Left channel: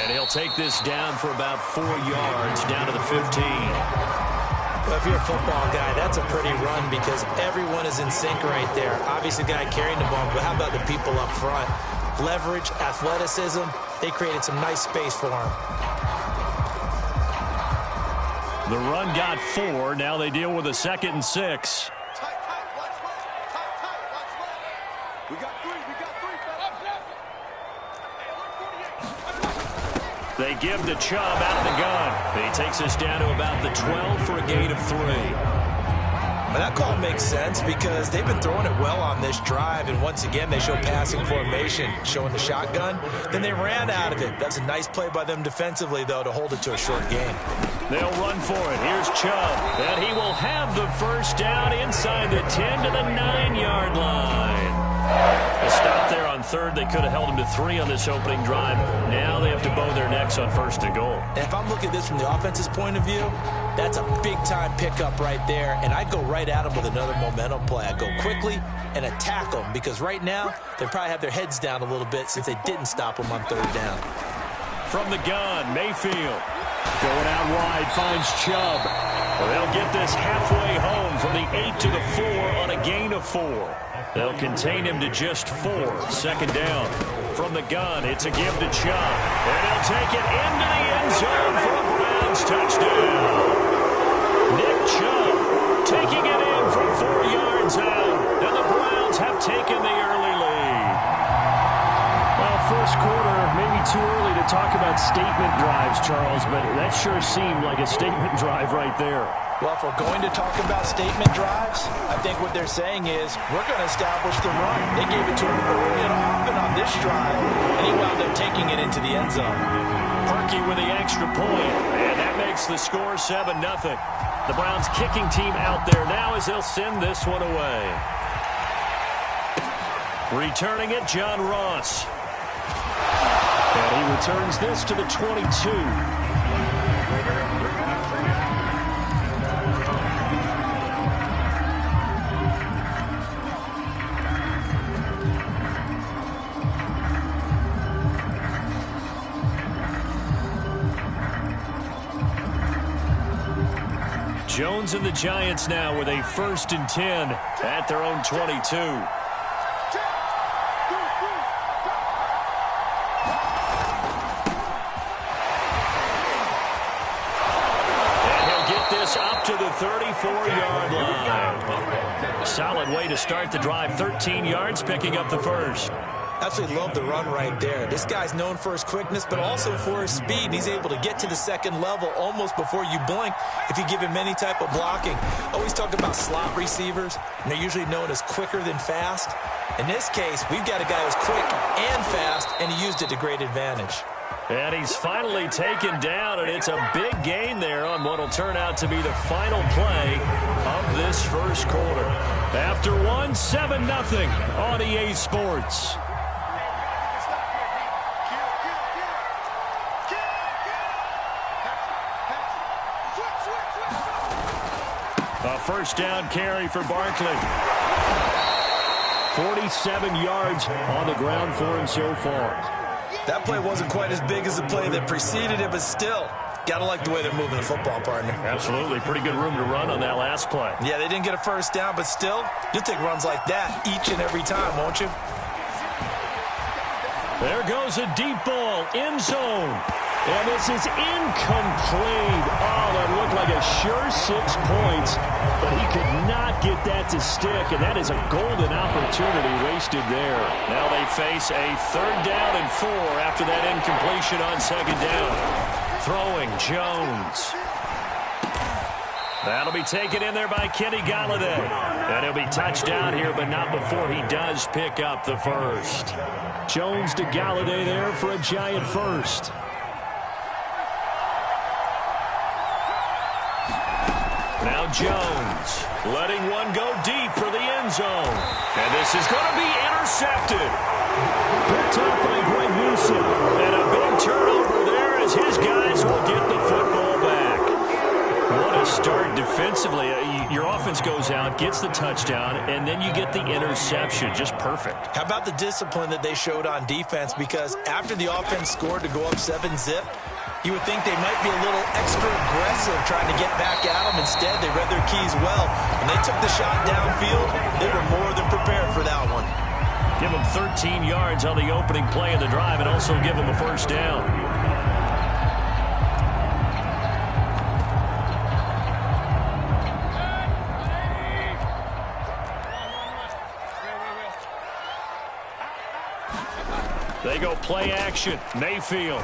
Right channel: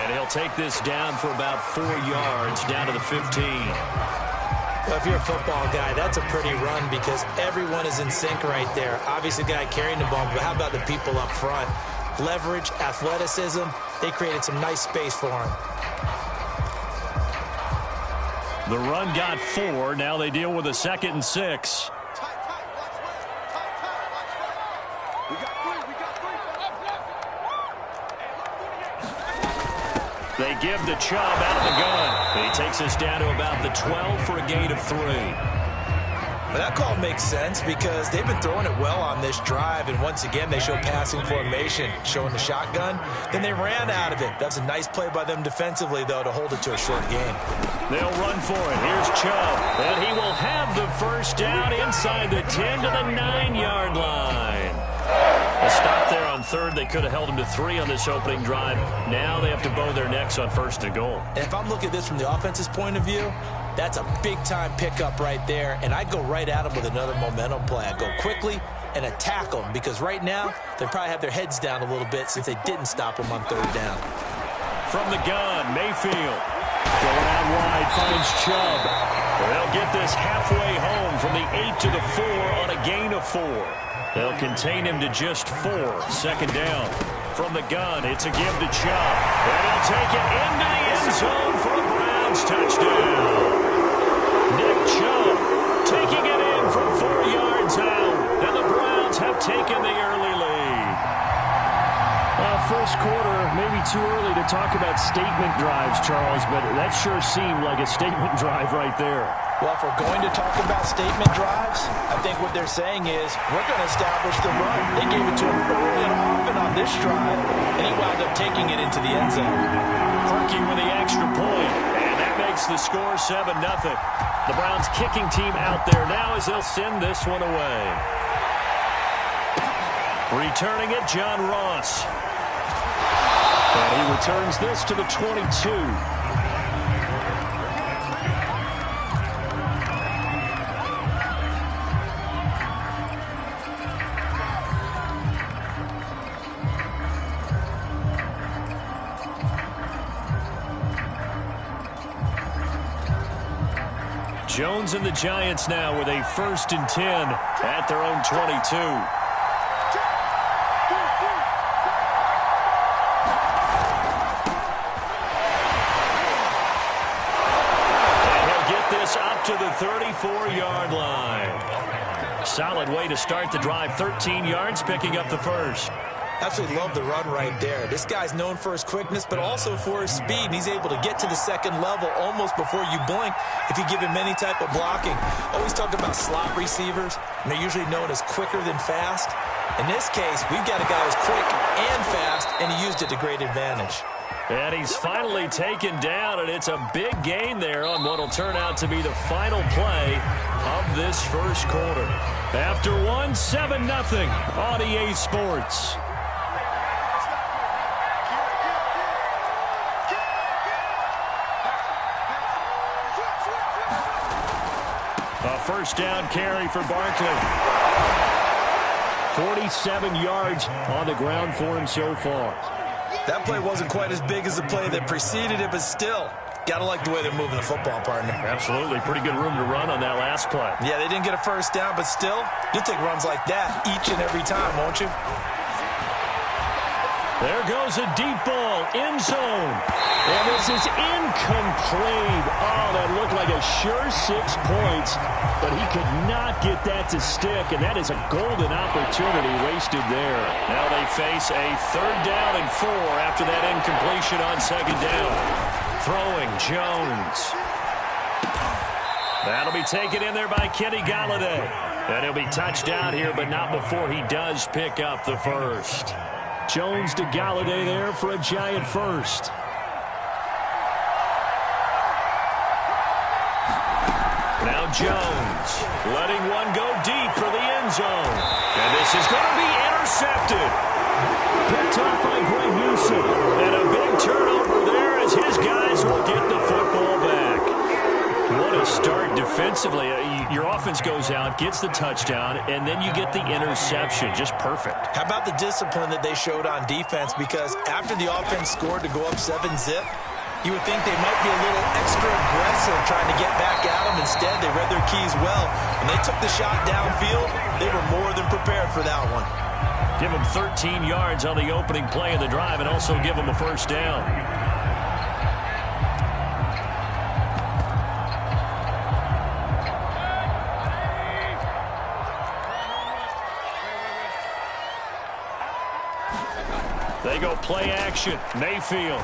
And he'll take this down for about 4 yards, down to the 15. Well, if you're a football guy, that's a pretty run because everyone is in sync right there. Obviously, the guy carrying the ball, but how about the people up front? Leverage, athleticism, they created some nice space for him. The run got 4. Now they deal with a 2nd and 6. We got 3. They give to Chubb out of the gun. He takes us down to about the 12 for a gain of 3. Well, that call makes sense because they've been throwing it well on this drive, and once again they show passing formation, showing the shotgun. Then they ran out of it. That's a nice play by them defensively, though, to hold it to a short gain. They'll run for it. Here's Chubb, and he will have the first down inside the 10 to the 9-yard line. A stop there on 3rd. They could have held him to 3 on this opening drive. Now they have to bow their necks on 1st and goal. And if I'm looking at this from the offense's point of view, that's a big-time pickup right there, and I'd go right at them with another momentum play. I'd go quickly and attack them because right now they probably have their heads down a little bit since they didn't stop them on 3rd down. From the gun, Mayfield going out wide, finds Chubb. They'll get this halfway home from the 8 to the 4 on a gain of 4. They'll contain him to just 4. 2nd down. From the gun, it's a give to Chubb. And he'll take it into the end zone for a Browns touchdown. Nick Chubb taking it in from 4 yards out. And the Browns have taken the early lead. Well, first quarter, maybe too early to talk about statement drives, Charles, but that sure seemed like a statement drive right there. Well, if we're going to talk about statement drives, I think what they're saying is we're going to establish the run. They gave it to him early and often on this drive, and he wound up taking it into the end zone. Perky with the extra point, and that makes the score 7-0. The Browns kicking team out there now as they'll send this one away. Returning it, John Ross. And he returns this to the 22. Jones and the Giants now with a 1st and 10 at their own 22. And he'll get this up to the 34-yard line. Solid way to start the drive. 13 yards, picking up the 1st. Absolutely love the run right there. This guy's known for his quickness, but also for his speed. And he's able to get to the 2nd level almost before you blink if you give him any type of blocking. Always talk about slot receivers, and they're usually known as quicker than fast. In this case, we've got a guy who's quick and fast, and he used it to great advantage. And he's finally taken down, and it's a big gain there on what will turn out to be the final play of this first quarter. After 7-0 on EA Sports. A 1st down carry for Barkley. 47 yards on the ground for him so far. That play wasn't quite as big as the play that preceded it, but still, gotta like the way they're moving the football, partner. Absolutely. Pretty good room to run on that last play. Yeah, they didn't get a 1st down, but still, you'll take runs like that each and every time, won't you? There goes a deep ball, end zone. And this is incomplete. Oh, that looked like a sure 6 points, but he could not get that to stick, and that is a golden opportunity wasted there. Now they face a 3rd down and 4 after that incompletion on 2nd down. Throwing Jones. That'll be taken in there by Kenny Golladay. And he'll be touched down here, but not before he does pick up the 1st. Jones to Golladay there for a Giant 1st. Now Jones letting one go deep for the end zone. And this is going to be intercepted. Picked off by Greg Newsom. And a big turnover there as his guys will get the football back. What a start defensively, your offense goes out, gets the touchdown, and then you get the interception. Just perfect. How about the discipline that they showed on defense? Because after the offense scored to go up 7-zip, you would think they might be a little extra aggressive trying to get back at them. Instead, they read their keys well. When they took the shot downfield, they were more than prepared for that one. Give them 13 yards on the opening play of the drive and also give them a first down. They go play action. Mayfield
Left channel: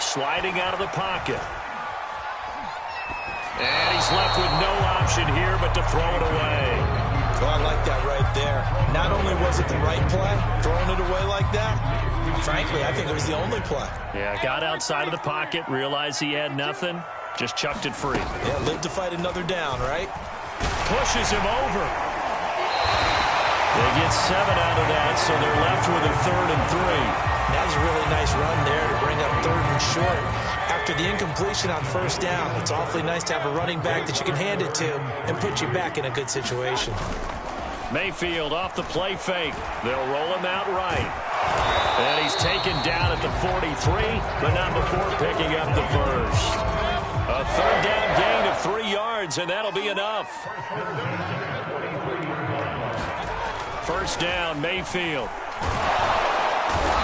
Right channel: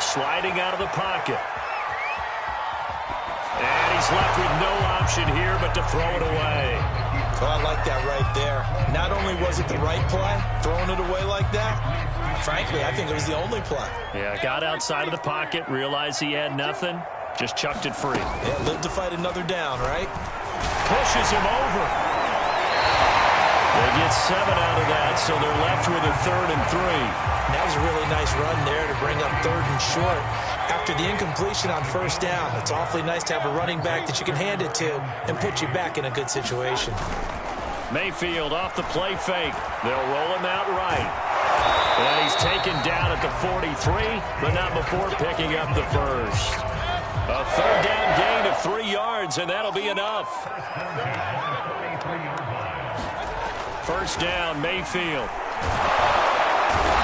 sliding out of the pocket. And he's left with no option here but to throw it away. Oh, I like that right there. Not only was it the right play, throwing it away like that, frankly, I think it was the only play. Yeah, got outside of the pocket, realized he had nothing, just chucked it free. Yeah, lived to fight another down, right? Pushes him over. They get 7 out of that, so they're left with a 3rd and 3. That was a really nice run there to bring up 3rd and short. After the incompletion on first down, it's awfully nice to have a running back that you can hand it to and put you back in a good situation. Mayfield off the play fake. They'll roll him out right. And he's taken down at the 43, but not before picking up the first. A 3rd down gain of 3 yards, and that'll be enough. First down, Mayfield.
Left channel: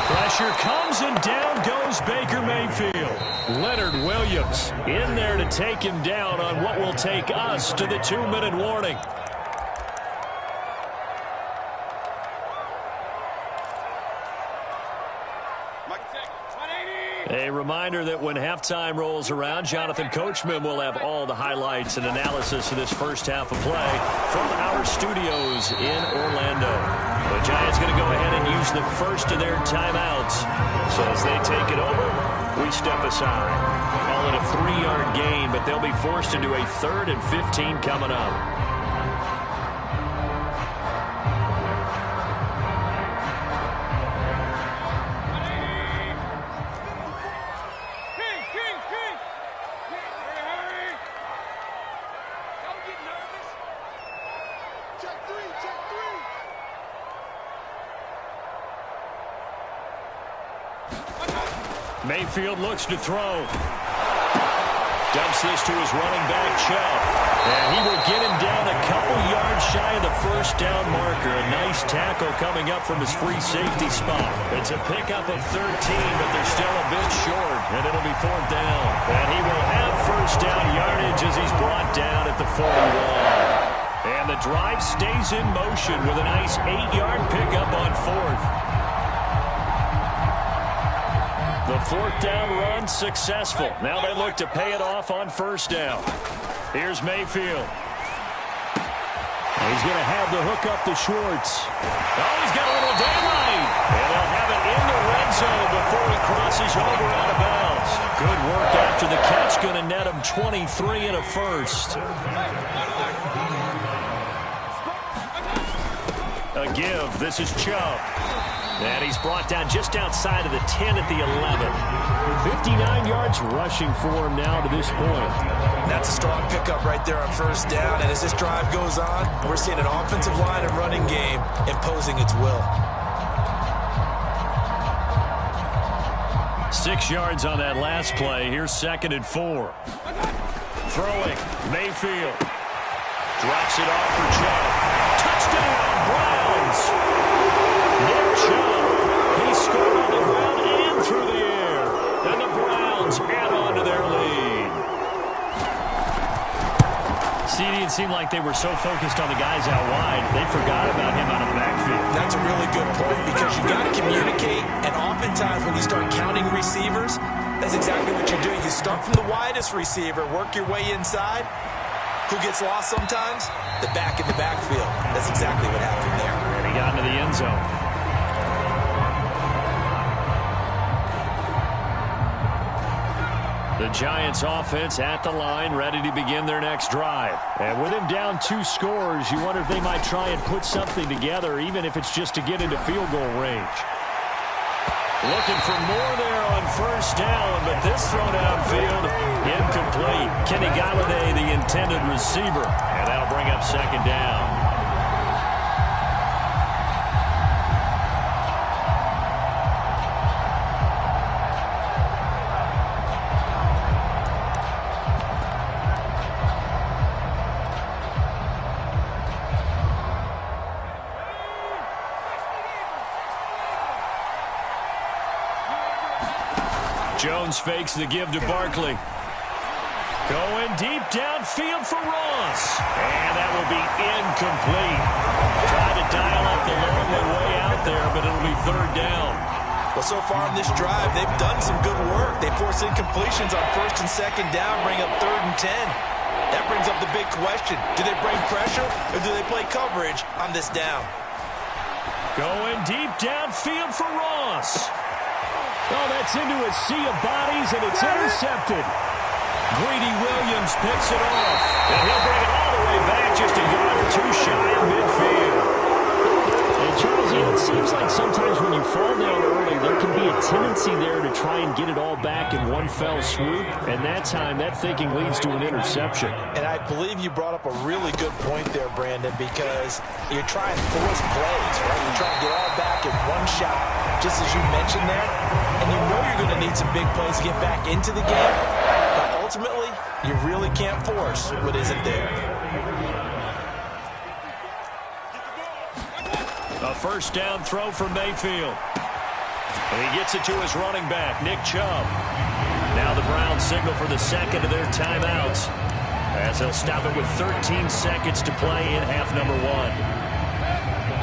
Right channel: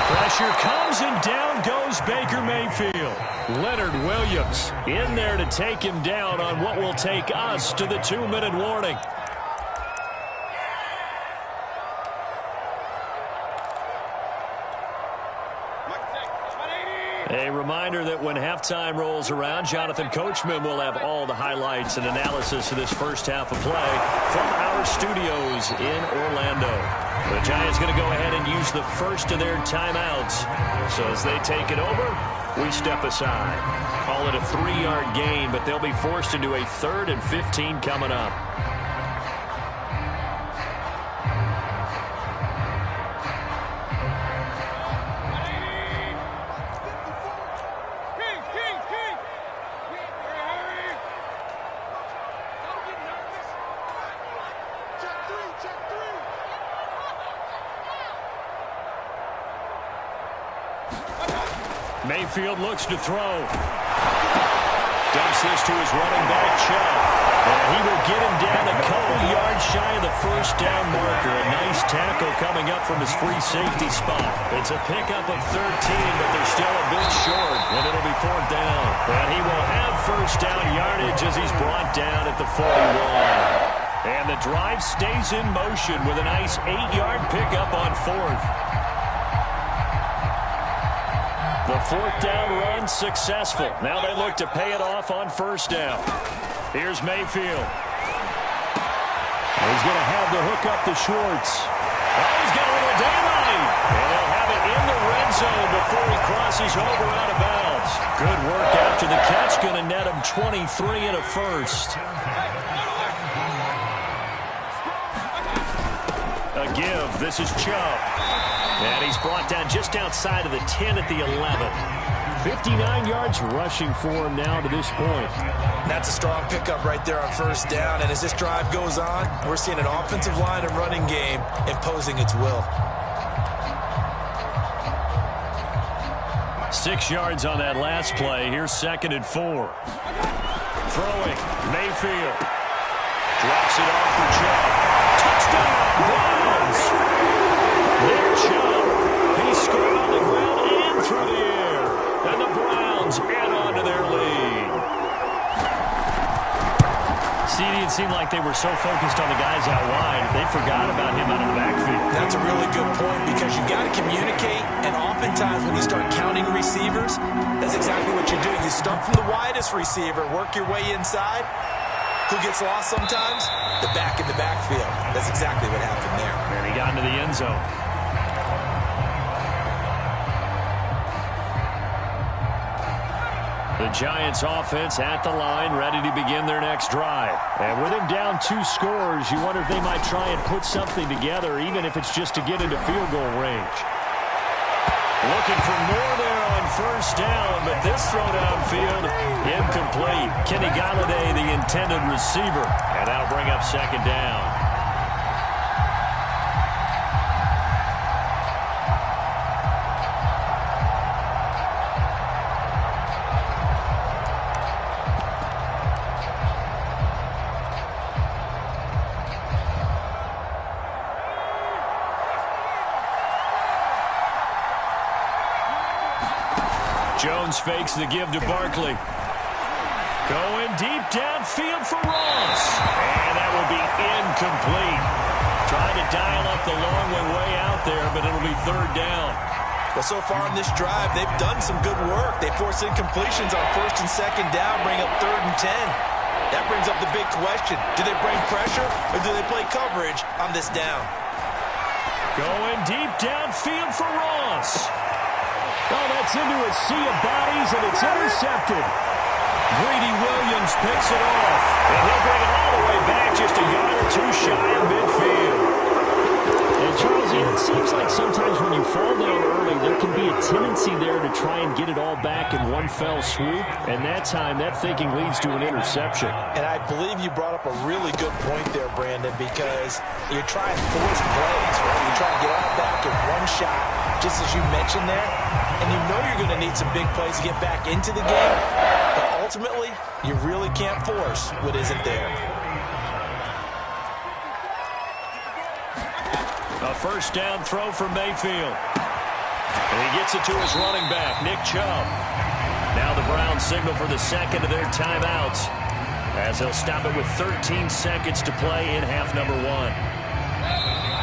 Pressure comes, and down goes Baker Mayfield. Leonard Williams in there to take him down on what will take us to the 2-minute warning. A reminder that when halftime rolls around, Jonathan Coachman will have all the highlights and analysis of this first half of play from our studios in Orlando. The Giants going to go ahead and use the first of their timeouts. So as they take it over, we step aside. Call it a 3-yard gain, but they'll be forced into a 3rd and 15 coming up. Mayfield looks to throw. Dumps this to his running back, Chubb. And he will get him down a couple yards shy of the first down marker. A nice tackle coming up from his free safety spot. It's a pickup of 13, but they're still a bit short, and it'll be 4th down. And he will have first down yardage as he's brought down at the 41. And the drive stays in motion with a nice 8-yard pickup on 4th. The 4th down run successful. Now they look to pay it off on first down. Here's Mayfield. He's going to have the hook up to Schwartz. Oh, he's got a little daylight. And they'll have it in the red zone before he crosses over out of bounds. Good work after the catch. Going to net him 23 and a first. A give. This is Chubb. And he's brought down just outside of the 10 at the 11. 59 yards rushing for him now to this point. That's a strong pickup right there on first down. And as this drive goes on, we're seeing an offensive line and running game imposing its will. 6 yards on that last play. Here's 2nd and 4. Throwing. Mayfield. Drops it off for Chubb. Touchdown, Browns! Nick Chubb, he scored on the ground and through the air. And the Browns add on to their lead. CD, it seemed like they were so focused on the guys out wide, they forgot about him out of the backfield. That's a really good point because you've got to communicate, and oftentimes when you start counting receivers, that's exactly what you do. You start from the widest receiver, work your way inside. Who gets lost sometimes? The back in the backfield. That's exactly what happened there. And he got into the end zone. The Giants offense at the line, ready to begin their next drive. And with him down 2 scores, you wonder if they might try and put something together, even if it's just to get into field goal range. Looking for more there on first down, but this throw downfield incomplete. Kenny Galladay, the intended receiver, and that'll bring up second down. Jones fakes the give to Barkley. Going deep downfield for Ross. And that will be incomplete. Trying to dial up the long way out there, but it'll be third down. Well, so far in this drive, they've done some good work. They force incompletions on first and second down, bring up 3rd and 10. That brings up the big question. Do they bring pressure or do they play coverage on this down? Going deep downfield for Ross. Oh, that's into a sea of bodies, and it's intercepted. Greedy Williams picks it off, and he'll bring it all the way back just a yard or two shy of midfield. And Charles, it seems like sometimes when you fall down early, there can be a tendency there to try and get it all back in one fell swoop, and that time that thinking leads to an interception. And I believe you brought up a really good point there, Brandon, because you're trying to force plays, right? You're trying to get all back in one shot, just as you mentioned there, and you know you're going to need some big plays to get back into the game, but ultimately, you really can't force what isn't there. A first down throw for Mayfield. And he gets it to his running back, Nick Chubb. Now the Browns signal for the second of their timeouts, as they'll stop it with 13 seconds to play in half number 1.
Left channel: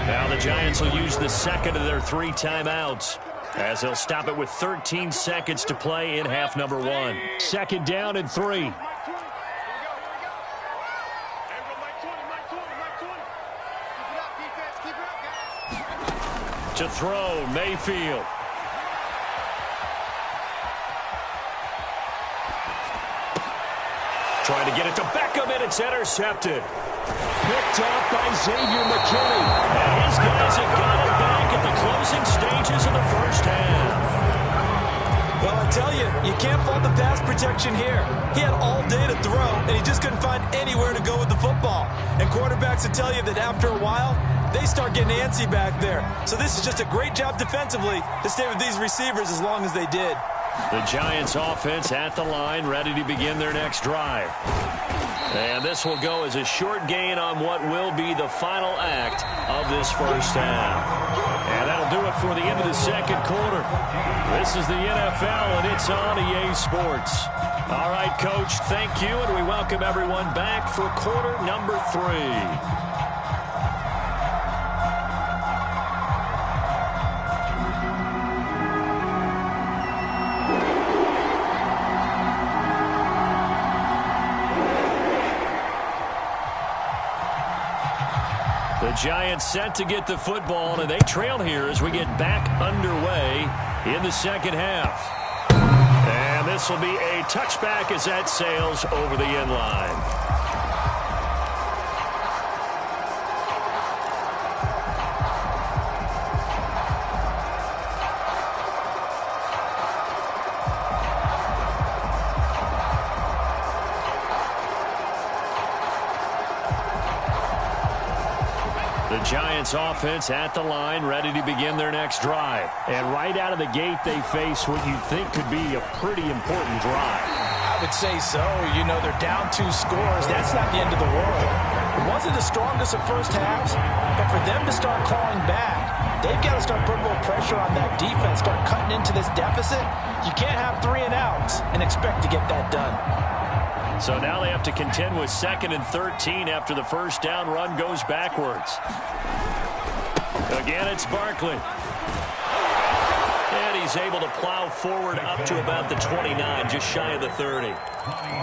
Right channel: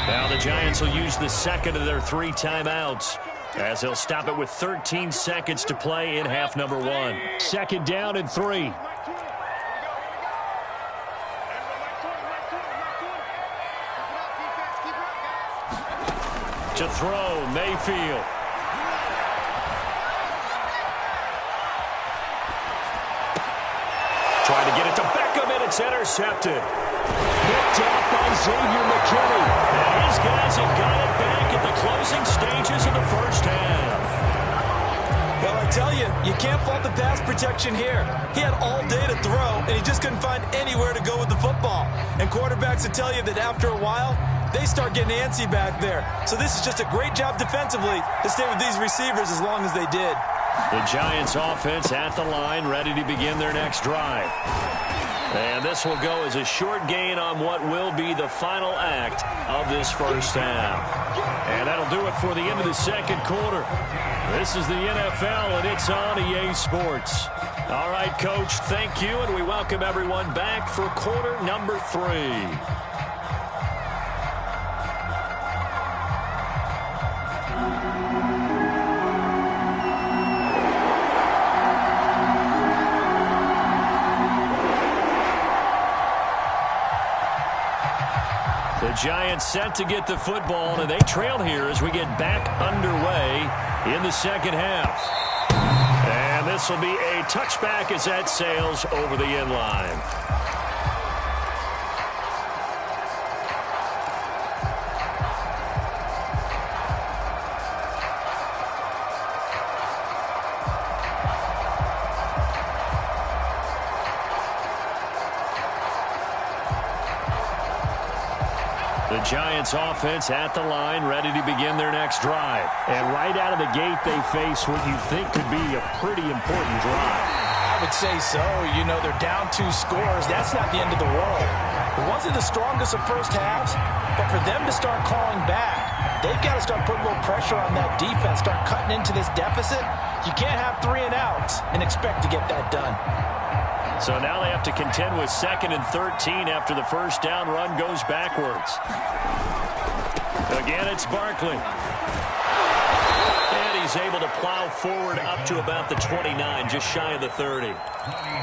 Now the Giants will use the second of their 3 timeouts, as they'll stop it with 13 seconds to play in half number 1. Second down and 3. To throw, Mayfield. Trying to get it to Beckham, and it's intercepted. Picked off by Xavier McKinney. And his guys have got it back at the closing stages of the first half. Well, I tell you, you can't fault the pass protection here. He had all day to throw, and he just couldn't find anywhere to go with the football. And quarterbacks will tell you that after a while, they start getting antsy back there. So this is just a great job defensively to stay with these receivers as long as they did. The Giants offense at the line, ready to begin their next drive. And this will go as a short gain on what will be the final act of this first half. And that'll do it for the end of the second quarter. This is the NFL, and it's on EA Sports. All right, Coach, thank you, and we welcome everyone back for quarter number 3. The Giants set to get the football, and they trail here as we get back underway in the second half. And this will be a touchback as that sails over the end line. The Giants offense at the line, ready to begin their next drive. And right out of the gate, they face what you think could be a pretty important drive. I would say so. You know, they're down 2 scores. That's not the end of the world. It wasn't the strongest of first halves, but for them to start clawing back, they've got to start putting a little pressure on that defense, start cutting into this deficit. You can't have 3 and outs and expect to get that done. So now they have to contend with 2nd and 13 after the first down run goes backwards. Again, it's Barkley. And he's able to plow forward up to about the 29, just shy of the 30.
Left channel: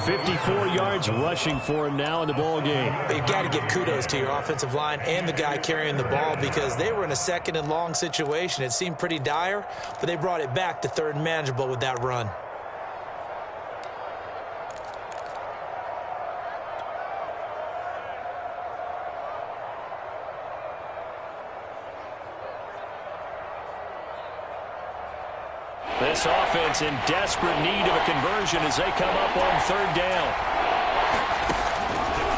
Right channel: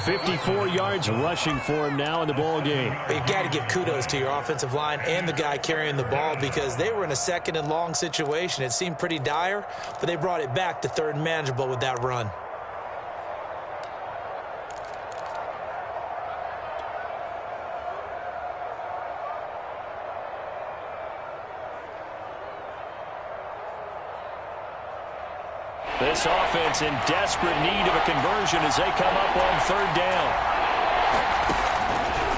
54 yards rushing for him now in the ball game. You've got to give kudos to your offensive line and the guy carrying the ball, because they were in a 2nd and long situation. It seemed pretty dire, but they brought it back to 3rd and manageable with that run. This offense in desperate need of a conversion as they come up on third down.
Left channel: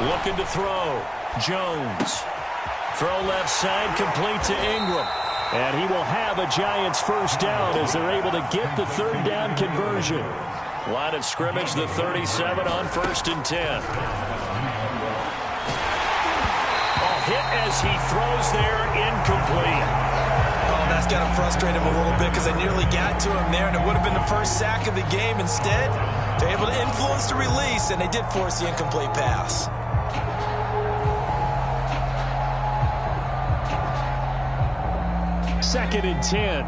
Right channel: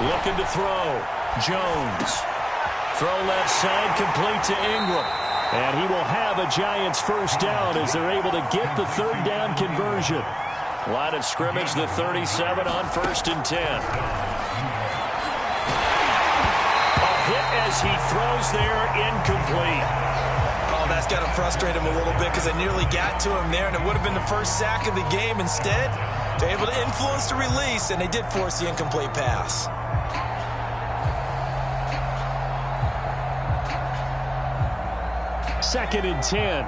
Looking to throw. Jones. Throw left side, complete to Ingram. And he will have a Giants first down as they're able to get the third down conversion. Line of scrimmage, the 37 on 1st and 10. Hit as he throws there, incomplete. Oh, that's got to frustrate him a little bit because they nearly got to him there, and it would have been the first sack of the game. Instead, they're able to influence the release, and they did force the incomplete pass. Second and 10.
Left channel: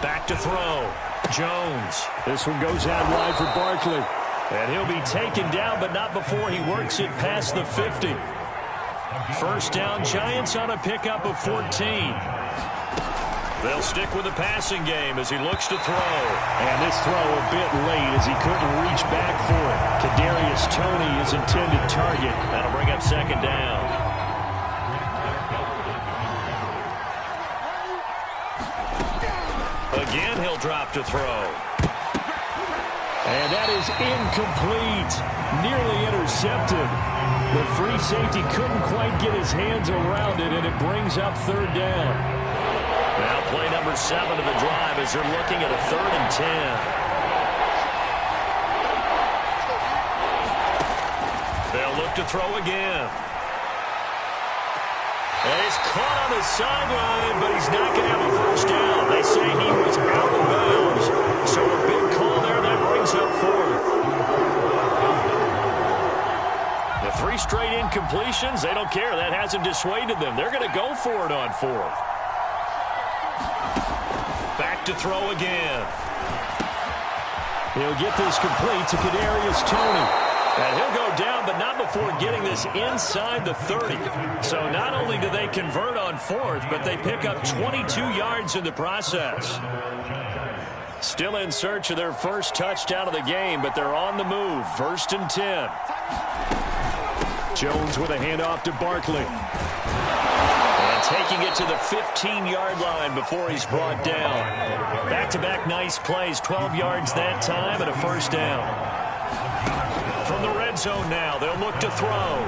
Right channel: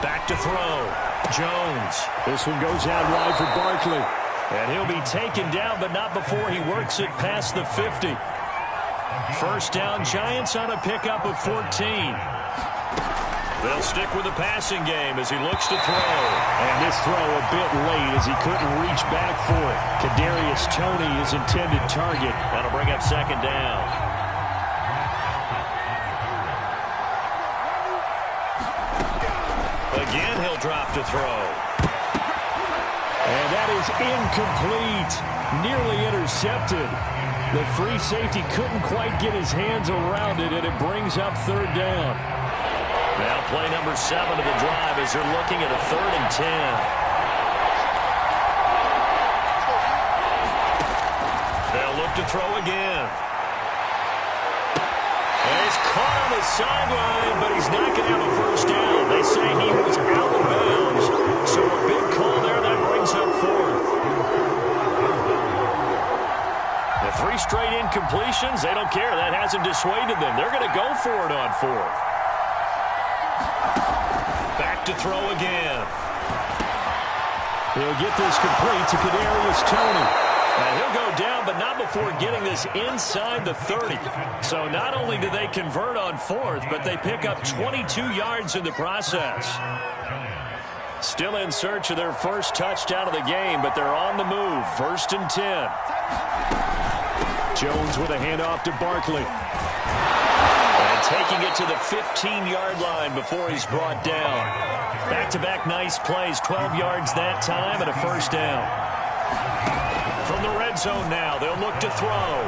Back to throw. Jones. This one goes out wide for Barkley. And he'll be taken down, but not before he works it past the 50. First down, Giants on a pickup of 14. They'll stick with the passing game as he looks to throw. And this throw a bit late as he couldn't reach back for it. Kadarius Toney, his intended target. That'll bring up second down. Again, he'll drop to throw. And that is incomplete. Nearly intercepted. The free safety couldn't quite get his hands around it, and it brings up third down. Now play number 7 of the drive as they're looking at a 3rd and 10. They'll look to throw again. And he's caught on the sideline, but he's not going to have a first down. They say he was out of bounds. So a big call there that brings up 4th. The 3 straight incompletions, they don't care. That hasn't dissuaded them. They're going to go for it on 4th. Back to throw again. He'll get this complete to Kadarius Toney. And he'll go down, but not before getting this inside the 30. So not only do they convert on 4th, but they pick up 22 yards in the process. Still in search of their first touchdown of the game, but they're on the move. 1st and 10. Jones with a handoff to Barkley. And taking it to the 15-yard line before he's brought down. Back-to-back nice plays, 12 yards that time and a first down. From the red zone now, they'll look to throw.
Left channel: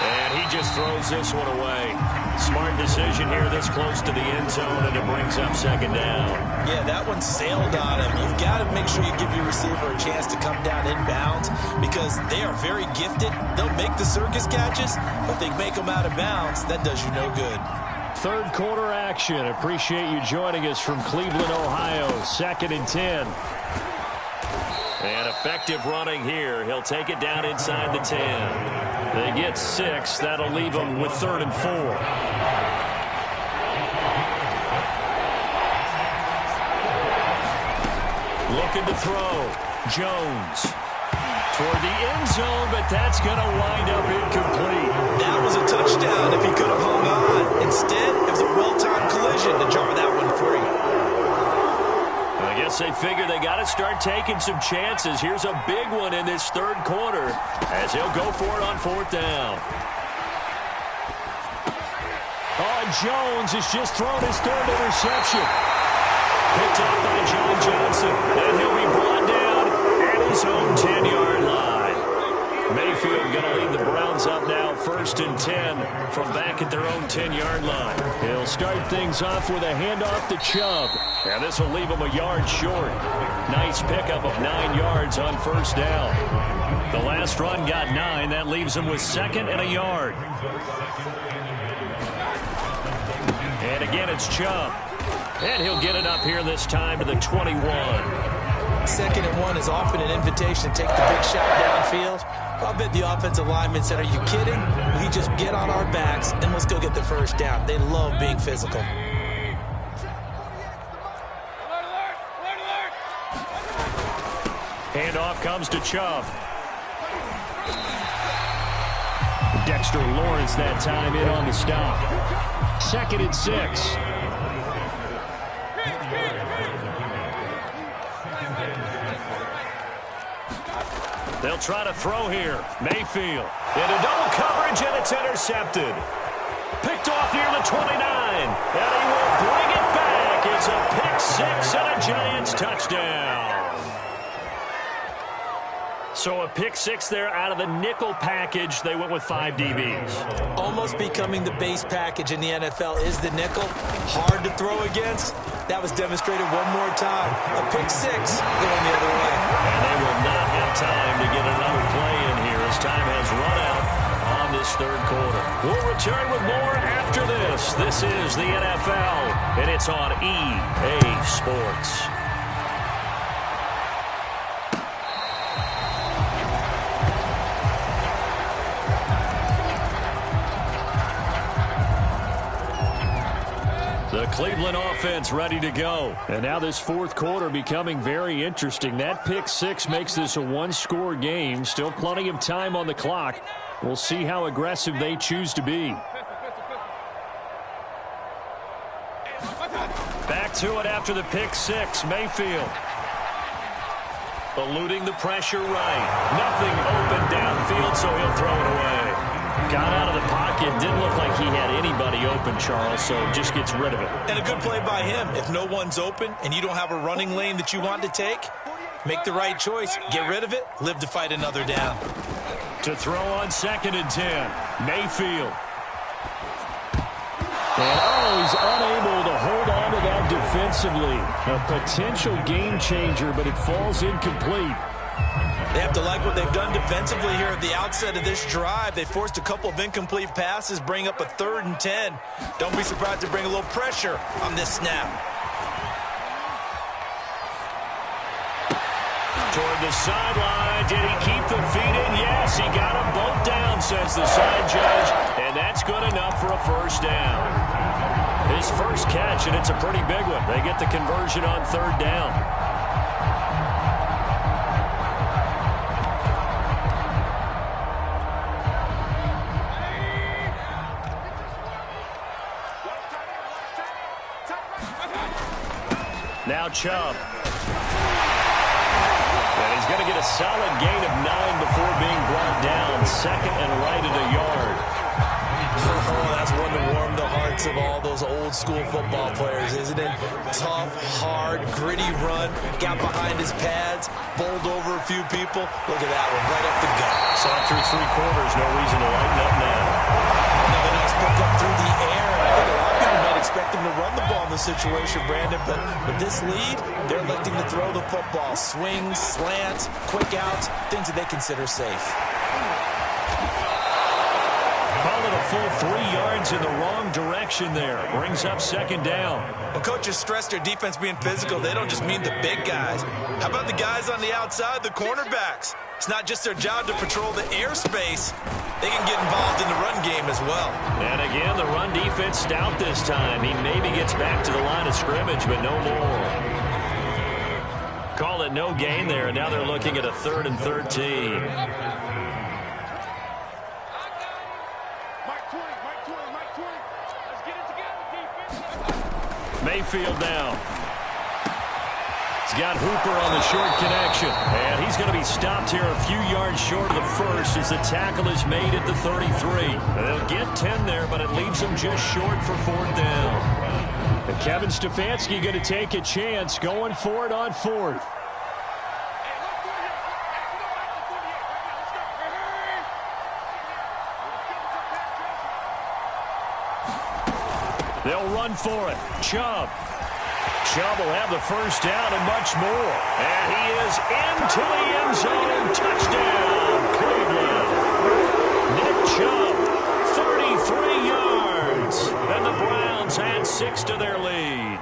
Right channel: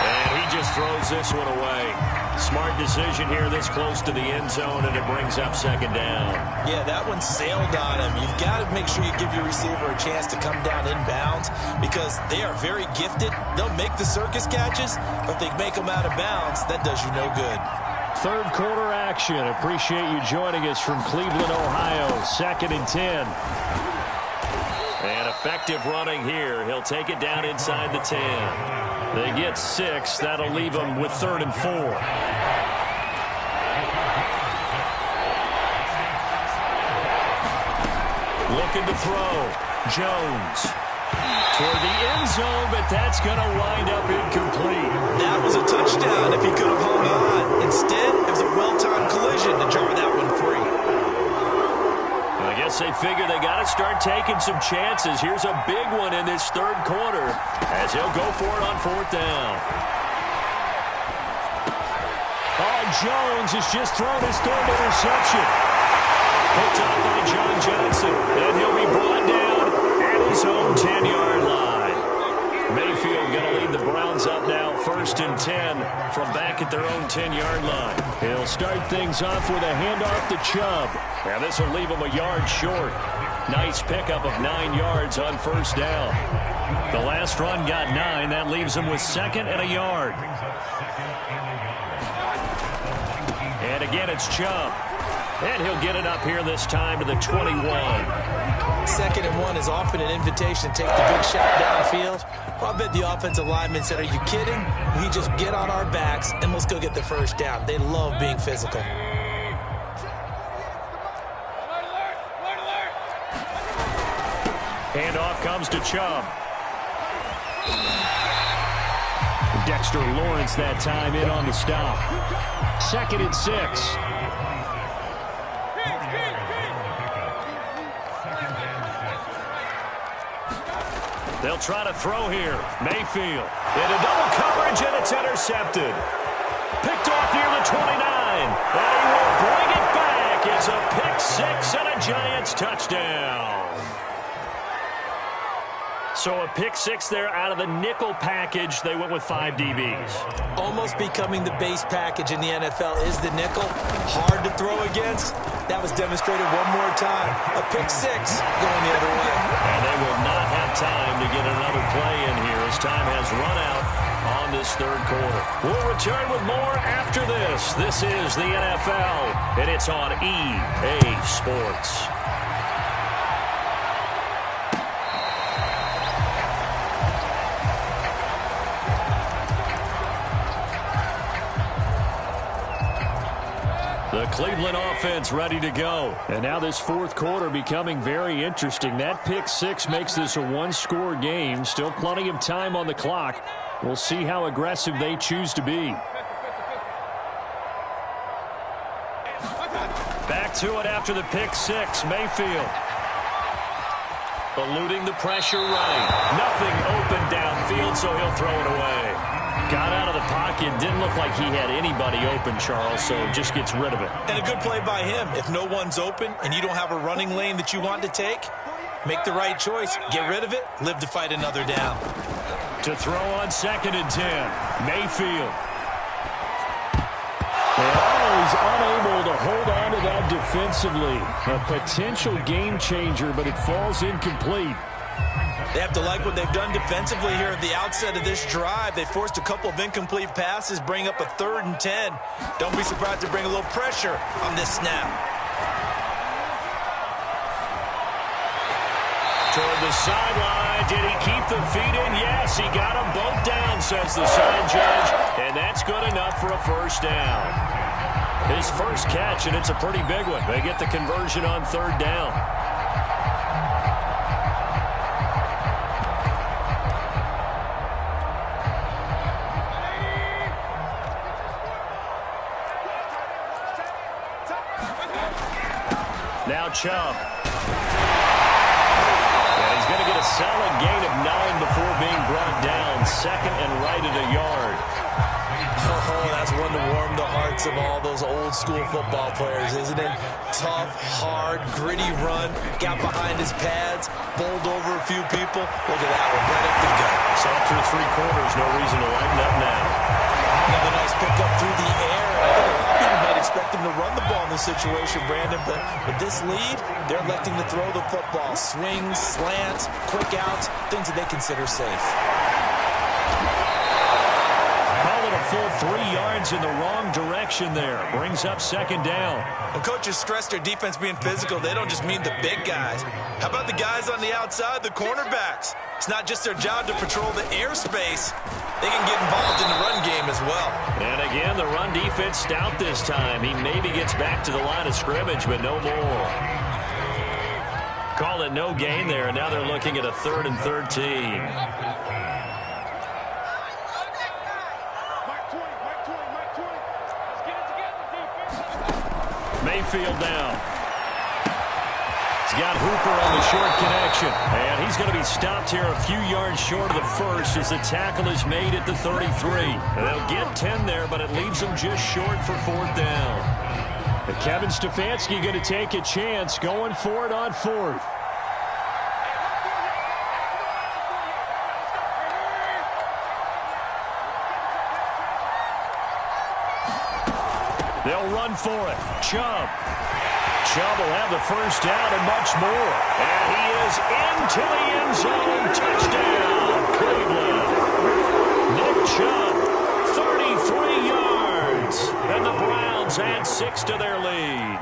And he just throws this one away. Smart decision here this close to the end zone, and it brings up second down. Yeah, that one sailed on him. You've got to make sure you give your receiver a chance to come down inbounds because they are very gifted. They'll make the circus catches, but they make them out of bounds. That does you no good. Third quarter action. Appreciate you joining us from Cleveland, Ohio. 2nd and 10. And effective running here. He'll take it down inside the 10. They get 6. That'll leave them with 3rd and 4. Looking to throw. Jones. Toward the end zone, but that's going to wind up incomplete. That was a touchdown if he could have hung on. Instead, it was a well-timed collision to jar that one free. I guess they figure they got to start taking some chances. Here's a big one in this third quarter as he'll go for it on 4th down. Oh, Jones has just thrown his 3rd interception. Picked off by John Johnson. And he'll be brought down at his own 10-yard line. Mayfield going to lead the Browns up now 1st and 10 from back at their own 10-yard line. He'll start things off with a handoff to Chubb. And this will leave him a yard short. Nice pickup of 9 yards on 1st down. The last run got 9. That leaves him with 2nd and a yard. And again, it's Chubb. And he'll get it up here this time to the 21. 2nd and 1 is often an invitation to take the big shot downfield. I bet the offensive lineman said, are you kidding? We just get on our backs and let's go get the first down. They love being physical. Handoff comes to Chubb. Dexter Lawrence that time in on the stop. 2nd and 6. They'll try to throw here. Mayfield. Into double coverage, and it's intercepted. Picked off near the 29, and he will bring it back. It's a pick six and a Giants touchdown. So a pick six there out of the nickel package. They went with 5 DBs. Almost becoming the base package in the NFL is the nickel. Hard to throw against. That was demonstrated one more time. A pick six going the other way. And they will not have time to get another play in here as time has run out on this third quarter. We'll return with more after this. This is the NFL, and it's on EA Sports. The Cleveland offense ready to go. And now this fourth quarter becoming very interesting. That pick six makes this a one-score game. Still plenty of time on the clock. We'll see how aggressive they choose to be. Back to it after the pick six. Mayfield eluding the pressure right. Nothing open downfield, so he'll throw it away. Got out of the pocket. Didn't look like he had anybody open, Charles, so just gets rid of it. And a good play by him. If no one's open and you don't have a running lane that you want to take, make the right choice. Get rid of it. Live to fight another down. To throw on 2nd and 10. Mayfield. And he's unable to hold on to that defensively. A potential game changer, but it falls incomplete. They have to like what they've done defensively here at the outset of this drive. They forced a couple of incomplete passes, bring up a 3rd and 10. Don't be surprised to bring a little pressure on this snap. Toward the sideline. Did he keep the feet in? Yes, he got them both down, says the side judge. And that's good enough for a first down. His first catch, and it's a pretty big one. They get the conversion on 3rd down. Now Chubb. And he's going to get a solid gain of 9 before being brought down. 2nd and right at a yard. Oh, that's one to warm the hearts of all those old school football players, isn't it? Tough, hard, gritty run. Got behind his pads, bowled over a few people. Look at that one, right up the gut. Saw it through 3 quarters. No reason to lighten up now. Another nice pickup through the air. And I think a lot of people might expect him to run the ball in this situation, Brandon. But with this lead, they're electing to throw the football. Swings, slants, quick outs, things that they consider safe. Call it a full 3 yards in the wrong direction there. Brings up 2nd down. When coaches stress their defense being physical, they don't just mean the big guys. How about the guys on the outside, the cornerbacks? It's not just their job to patrol the airspace. They can get involved in the run game as well. And again, the run defense stout this time. He maybe gets back to the line of scrimmage, but no more. Call it no gain there, and now they're looking at a 3rd and 13. Mayfield down. He's got Hooper on the short connection. And he's going to be stopped here a few yards short of the first as the tackle is made at the 33. And they'll get 10 there, but it leaves them just short for 4th down. And Kevin Stefanski going to take a chance going for it on 4th. They'll run for it. Chubb. Chubb will have the first down and much more. And he is into the end zone. Touchdown, Cleveland. Nick Chubb, 33 yards. And the Browns add 6 to their lead.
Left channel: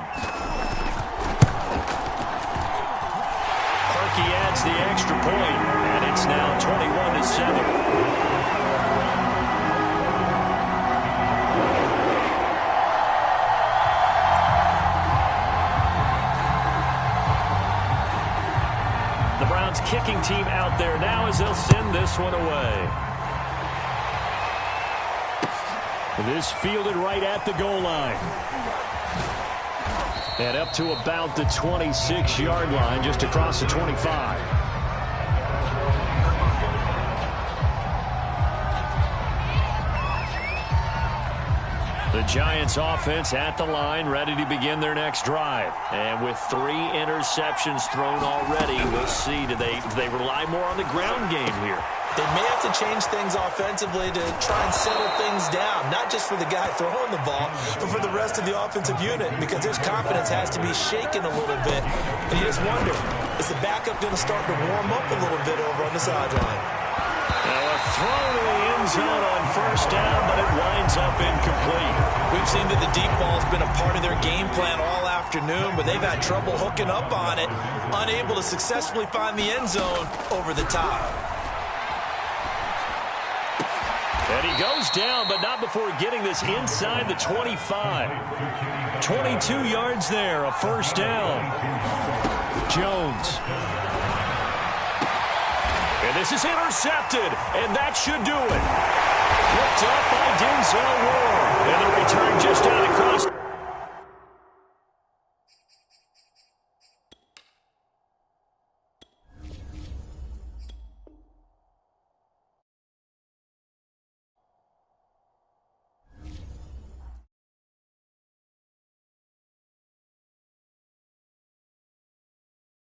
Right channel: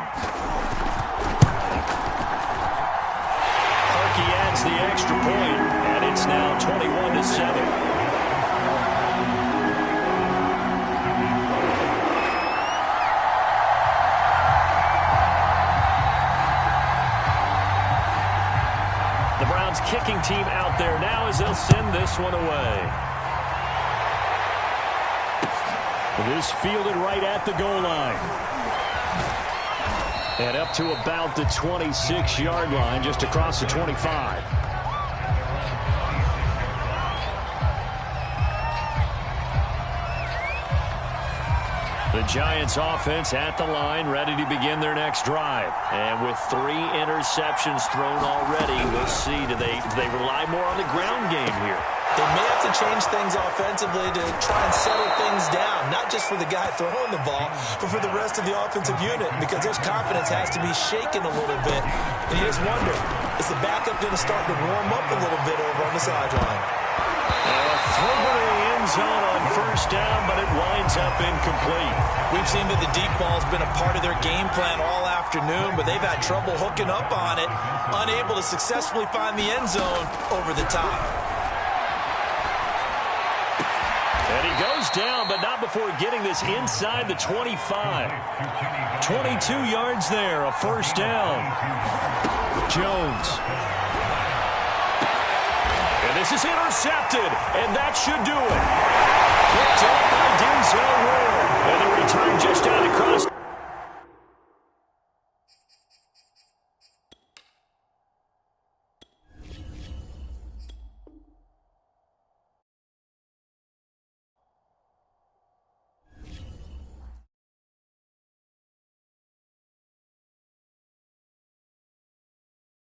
Parkey adds the extra point, and it's now 21-7. Kicking team out there now as they'll send this one away. This fielded right at the goal line. And up to about the 26-yard line, just across the 25. The Giants offense at the line, ready to begin their next drive. And with 3 interceptions thrown already, we'll see. Do they rely more on the ground game here? They may have to change things offensively to try and settle things down, not just for the guy throwing the ball, but for the rest of the offensive unit, because their confidence has to be shaken a little bit. And you just wonder, is the backup going to start to warm up a little bit over on the sideline? Now a throw to the end zone on first down, but it winds up incomplete. We've seen that the deep ball's been a part of their game plan all afternoon, but they've had trouble hooking up on it, unable to successfully find the end zone over the top. And he goes down, but not before getting this inside the 25. 22 yards there, a first down. Jones. And this is intercepted, and that should do it. Picked up by Denzel Ward. And the return just out across